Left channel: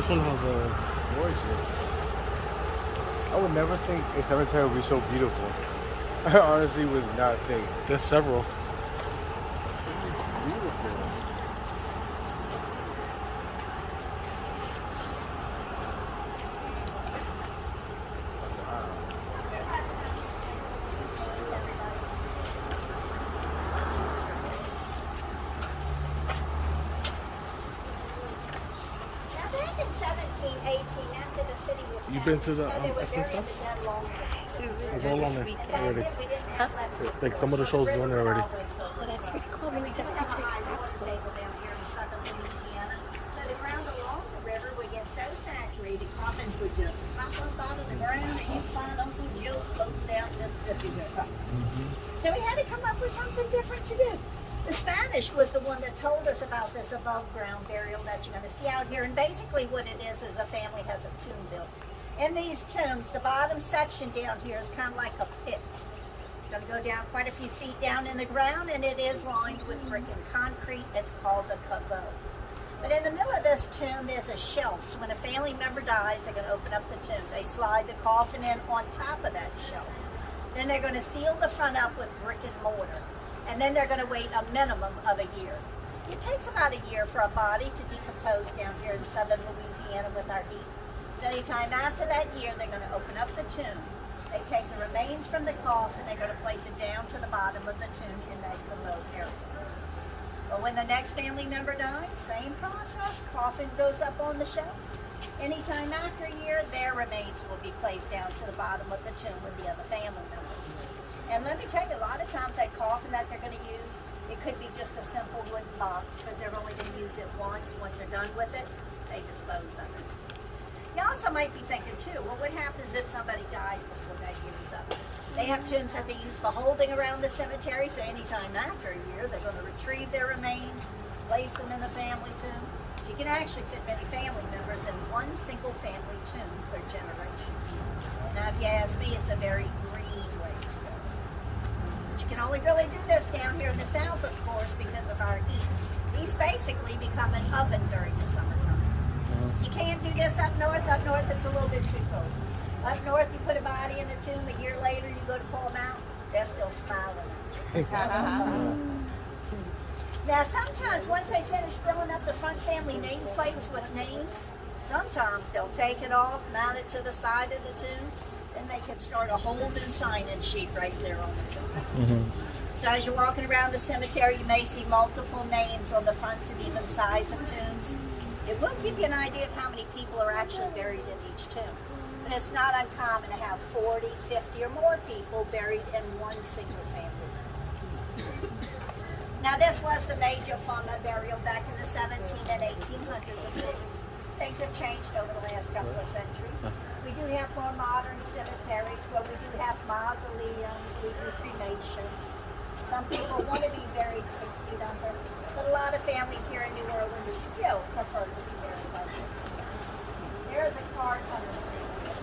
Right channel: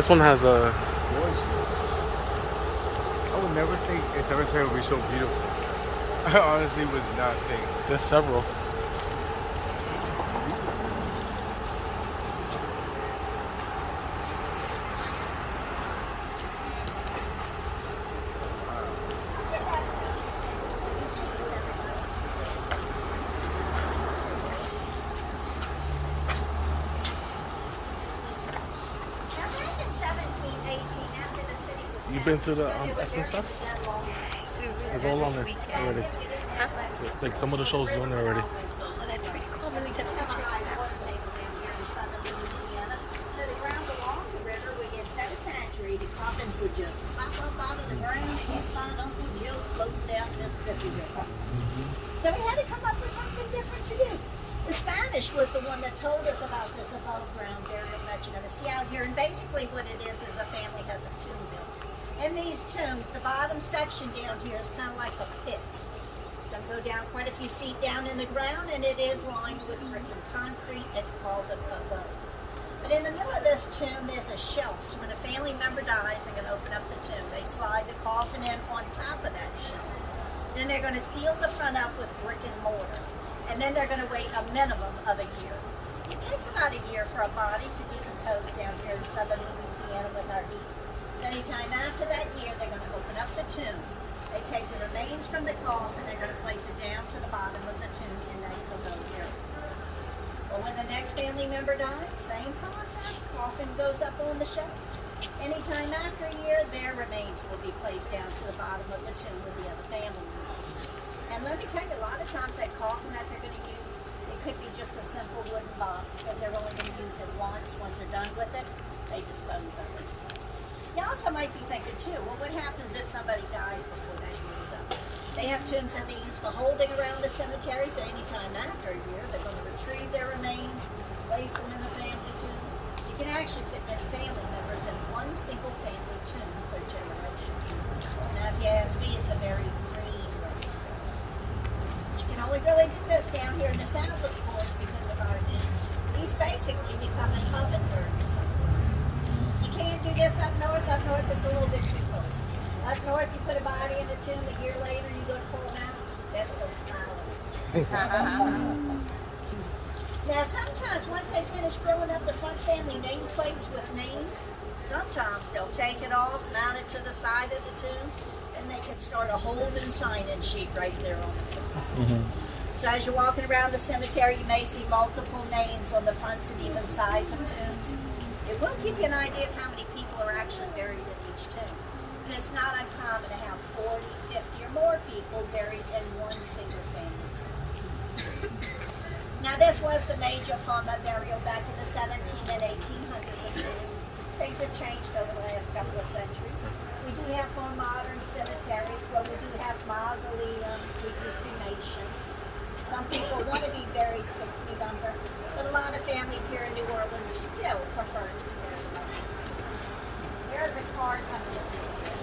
This one has a. Gorgeous. I would never think a cemetery would be so beautiful. I honestly would not think. There's several. Beautiful. You been to the Essence Fest? It's all on there already. Like some of the shows are on there already. That's pretty cool. Really good picture. So the ground along the river would get so saturated, coffins would just pop up out of the ground, and you'd find Uncle Joe floating down Mississippi River. So we had to come up with something different to do. The Spanish was the one that told us about this above ground burial that you're going to see out here. And basically what it is the family has a tomb built. In these tombs, the bottom section down here is kind of like a pit. It's going to go down quite a few feet down in the ground, and it is lined with brick and concrete. It's called the pavot. But in the middle of this tomb, there's a shelf. So when a family member dies, they're going to open up the tomb. They slide the coffin in on top of that shelf. Then they're going to seal the front up with brick and mortar. And then they're going to wait a minimum of a year. It takes about a year for a body to decompose down here in southern Louisiana with our heat. So anytime after that year, they're going to open up the tomb. They take the remains from the coffin, they're going to place it down to the bottom of the tomb in that remote area. But when the next family member dies, same process, coffin goes up on the shelf. Anytime after a year, their remains will be placed down to the bottom of the tomb with the other family members. And let me tell you, a lot of times that coffin that they're going to use, it could be just a simple wooden box because they're only going to use it once. Once they're done with it, they dispose of it. You also might be thinking too, well, what happens if somebody dies before that year is up? They have tombs that they use for holding around the cemetery, so anytime after a year, they're going to retrieve their remains, place them in the family tomb. So you can actually fit many family members in one single family tomb for generations. Now, if you ask me, it's a very green way to go. But you can only really do this down here in the south, of course, because of our heat. These basically become an oven during the summertime. You can't do this up north. Up north, it's a little bit too cold. Up north, you put a body in the tomb. A year later, you go to pull them out. They're still smiling at you. Now, sometimes once they finish filling up the front family nameplates with names, sometimes they'll take it off, mount it to the side of the tomb, and they could start a whole new sign-in sheet right there on it. So as you're walking around the cemetery, you may see multiple names on the fronts and even sides of tombs. It will give you an idea of how many people are actually buried in each tomb. And it's not uncommon to have 40, 50, or more people buried in one single family tomb. Now, this was the major form of burial back in the 1700s and 1800s, of course. Things have changed over the last couple of centuries. We do have more modern cemeteries where we do have mausoleums, we do cremations. Some people want to be buried 6 feet under, but a lot of families here in New Orleans still prefer to be buried like this. There's a card coming through here.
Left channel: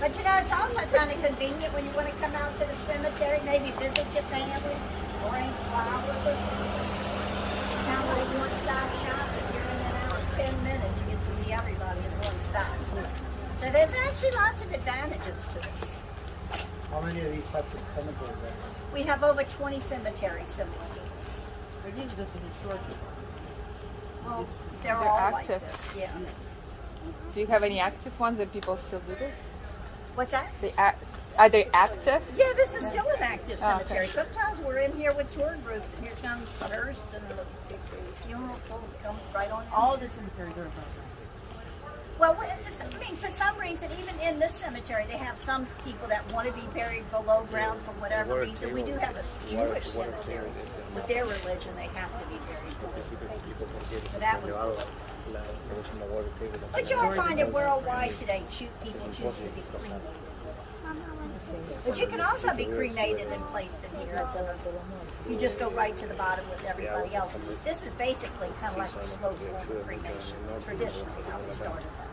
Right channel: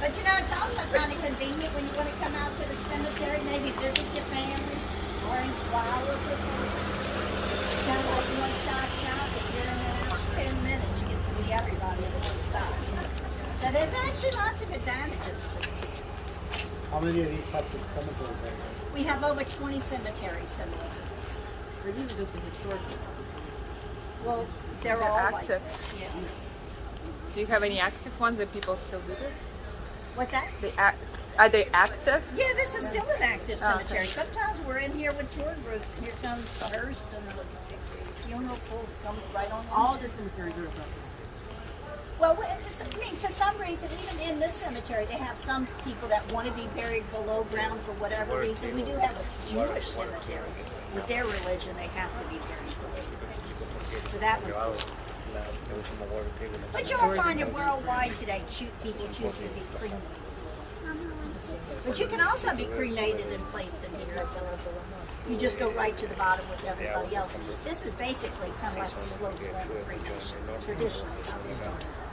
But you know, it's also kind of convenient when you want to come out to the cemetery, maybe visit your family, orange flowers or something. Kind of like one-stop shopping. You're in and out 10 minutes, you get to see everybody in one stop. So there's actually lots of advantages to this. How many of these types of cemeteries are there? We have over 20 cemeteries similar to this. Or these are just an historical. Well, they're They're all active. like this, yeah. Do you have any active ones that people still do this? What's that? Are they active? Yeah, this is still an active cemetery. Sometimes we're in here with tour groups. Here comes the hearse and the funeral comes right on. All the cemeteries are about Well, I mean, for some reason, even in this cemetery, they have some people that want to be buried below ground for whatever reason. We do have a Jewish cemetery. With their religion, they have to be buried below ground. So that one's cool. But you'll find it worldwide today, people choose to be cremated. But you can also be cremated and placed in here. You just go right to the bottom with everybody else. This is basically kind of like a slow form of cremation, traditionally how they started that.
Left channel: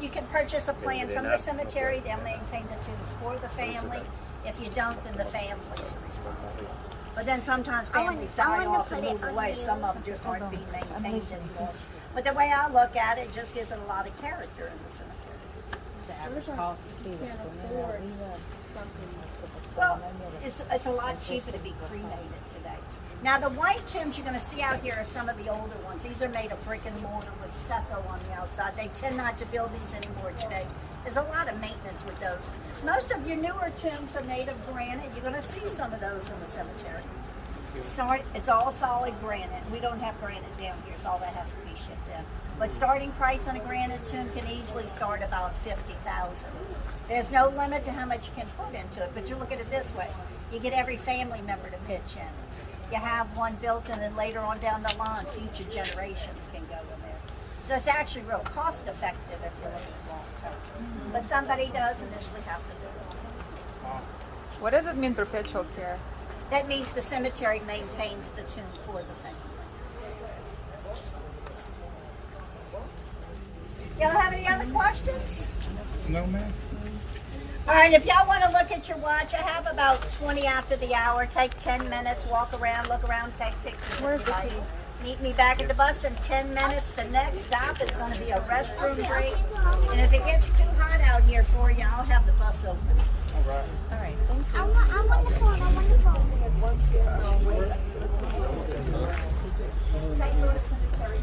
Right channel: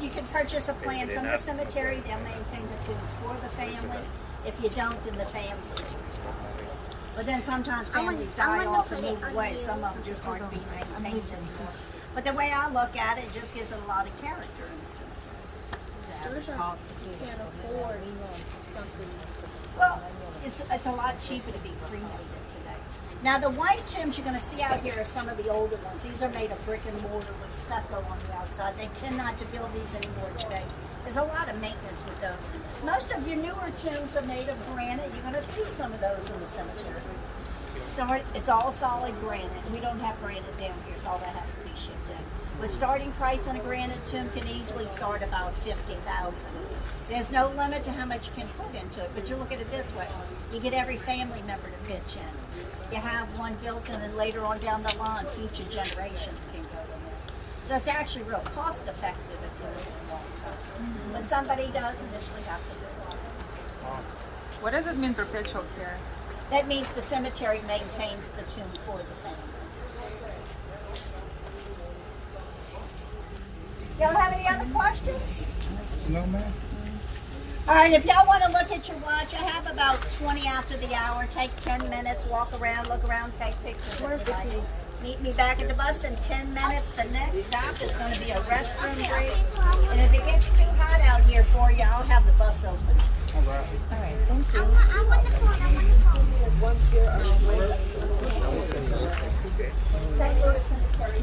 You can purchase a plan from the cemetery. They'll maintain the tombs for the family. If you don't, then the families are responsible. But then sometimes families die off and move away. Some of them just aren't being maintained anymore. But the way I look at it, it just gives it a lot of character in the cemetery. Well, it's a lot cheaper to be cremated today. Now the white tombs you're going to see out here are some of the older ones. These are made of brick and mortar with stucco on the outside. They tend not to build these anymore today. There's a lot of maintenance with those. Most of your newer tombs are made of granite. You're going to see some of those in the cemetery. It's all solid granite. We don't have granite down here, so all that has to be shipped in. But starting price on a granite tomb can easily start about $50,000. There's no limit to how much you can put into it, but you look at it this way. You get every family member to pitch in. You have one built, and then later on down the line, future generations can go in there. So it's actually real cost effective if you're looking at long term. But somebody does initially have to do it. What does it mean, perpetual care? That means the cemetery maintains the tomb for the family. Y'all have any other questions? No, man. All right, if y'all want to look at your watch, I have about 20 after the hour. Take 10 minutes, walk around, look around, take pictures if you like. Meet me back at the bus in 10 minutes. The next stop is going to be a restroom break. And if it gets too hot out here for you, I'll have the bus open. All right, thank you. St. Louis Cemetery.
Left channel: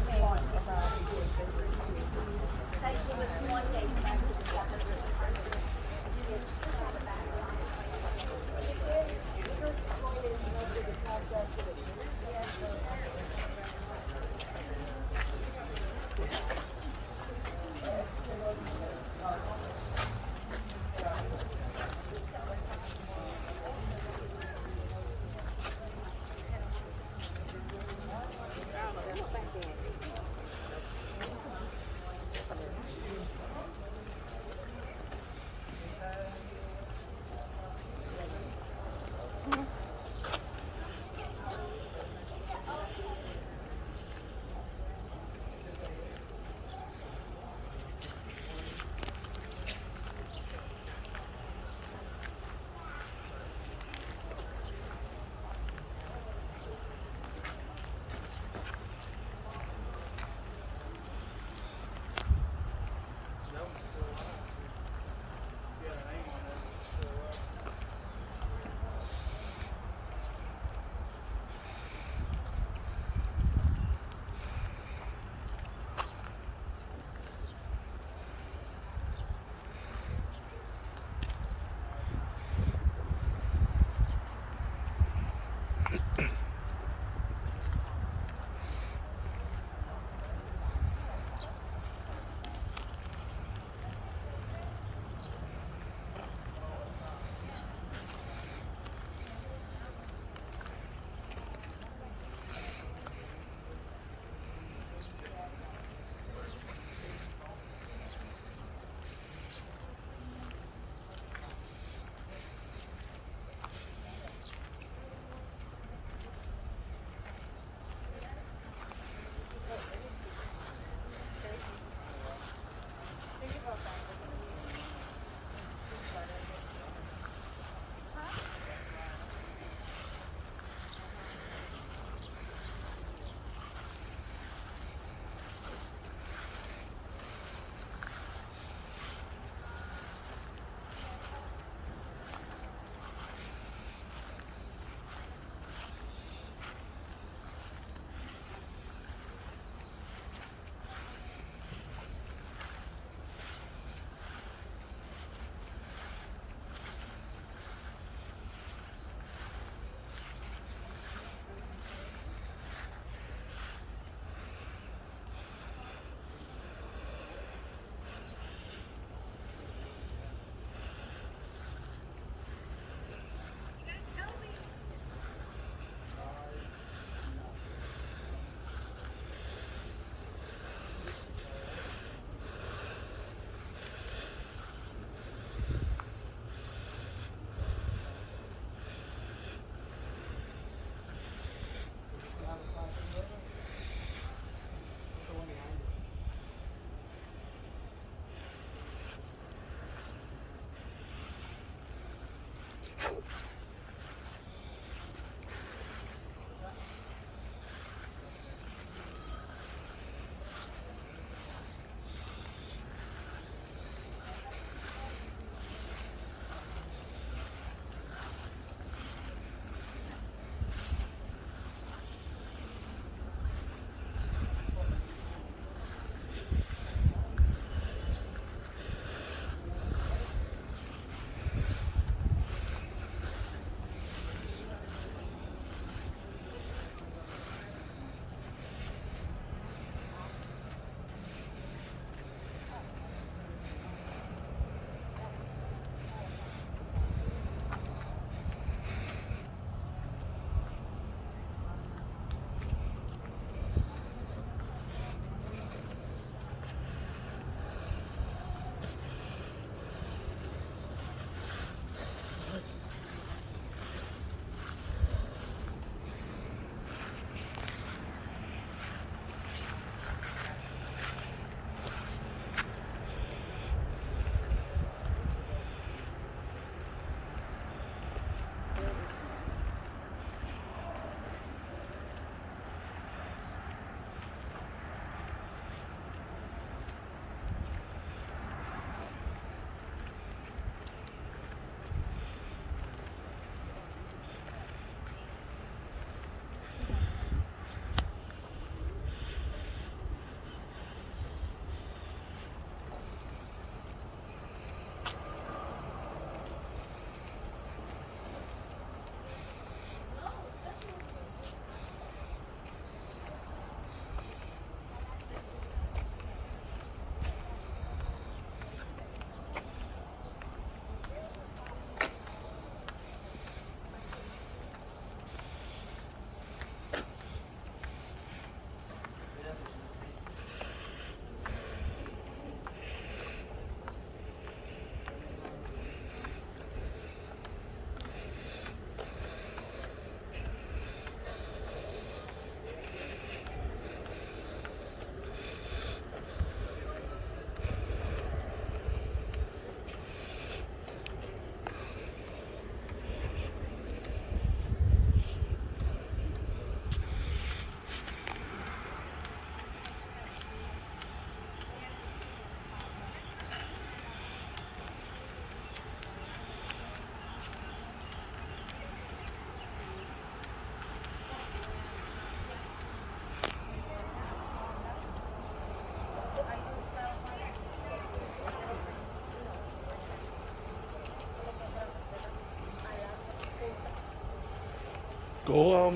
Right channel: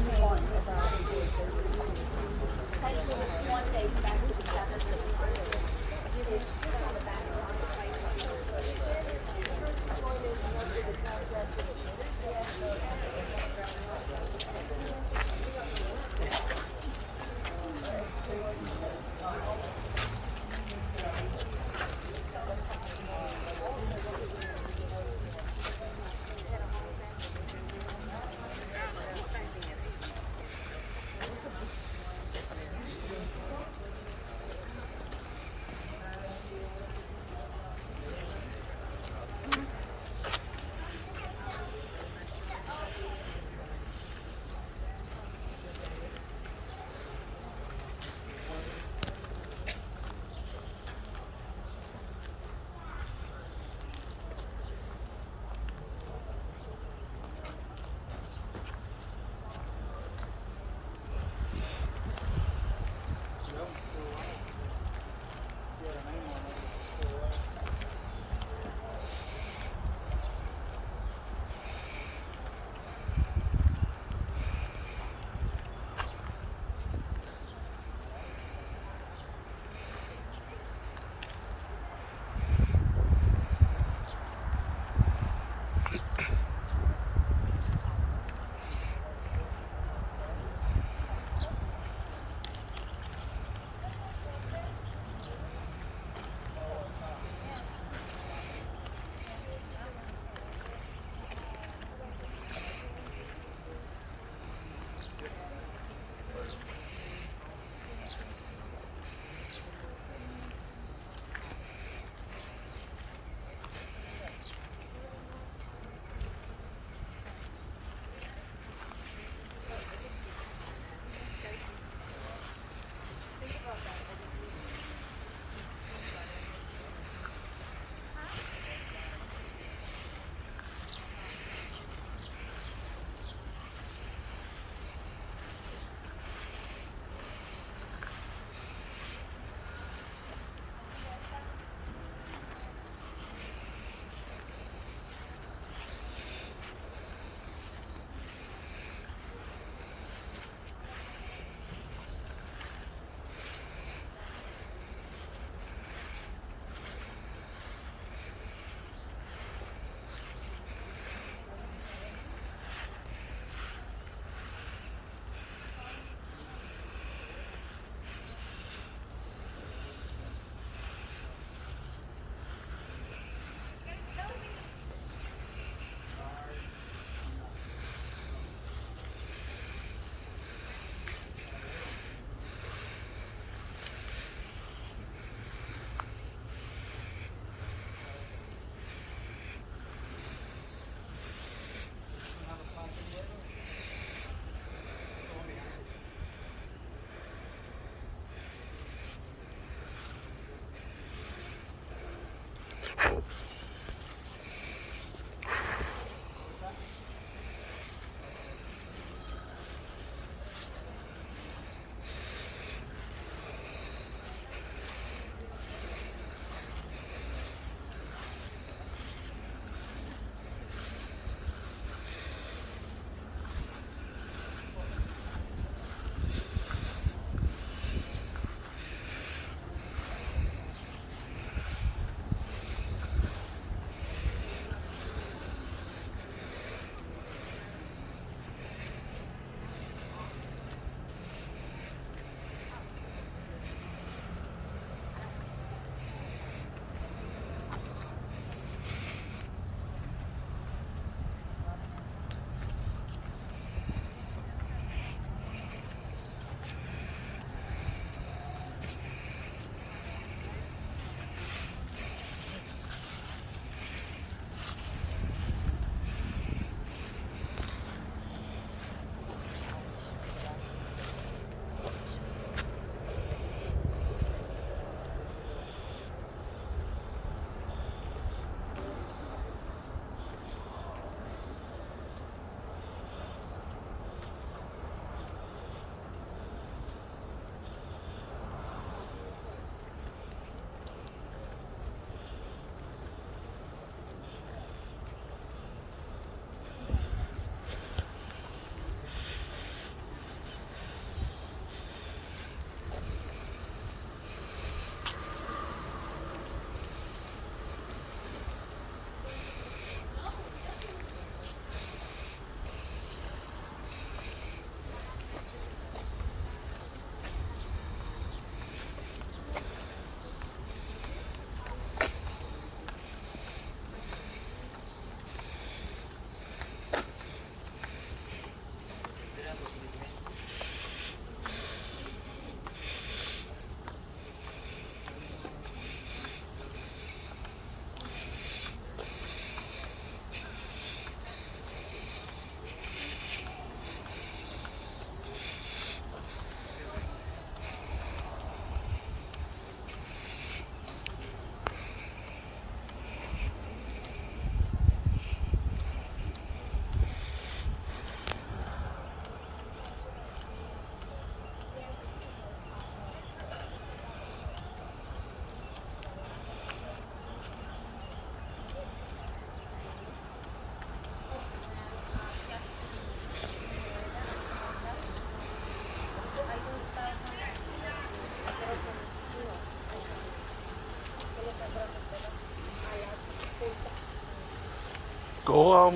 Go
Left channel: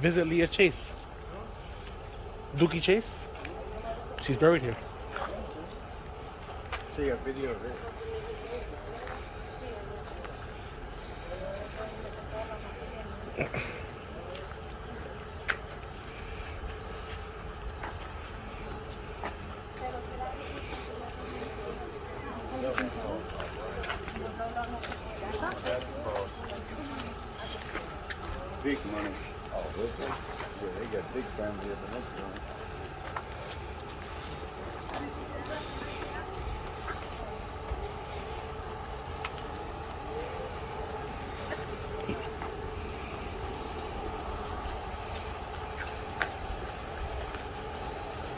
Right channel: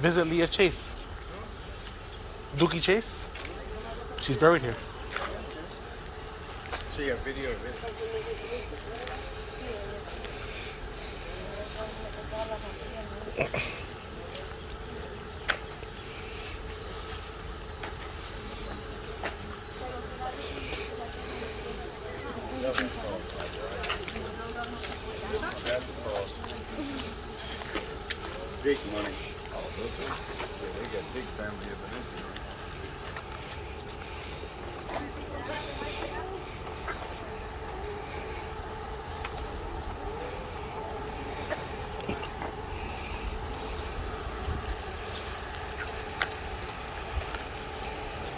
visit Leah Chase. Dookie Chase. She's buried here. Show you a video of it. Big money. Oh, this one? Yeah, they got big family up in this one.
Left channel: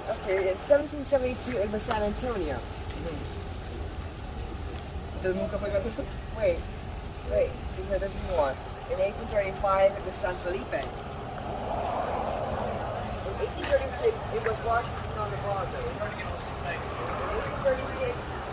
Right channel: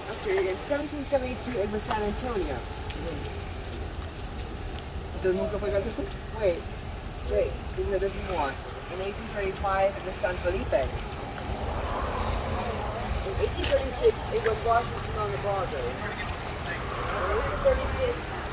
Okay, in 1772 it was San Antonio. Wait, because there's more. In 1835 it was San Felipe. In 1836 it was Washington on the Broadway. In 1836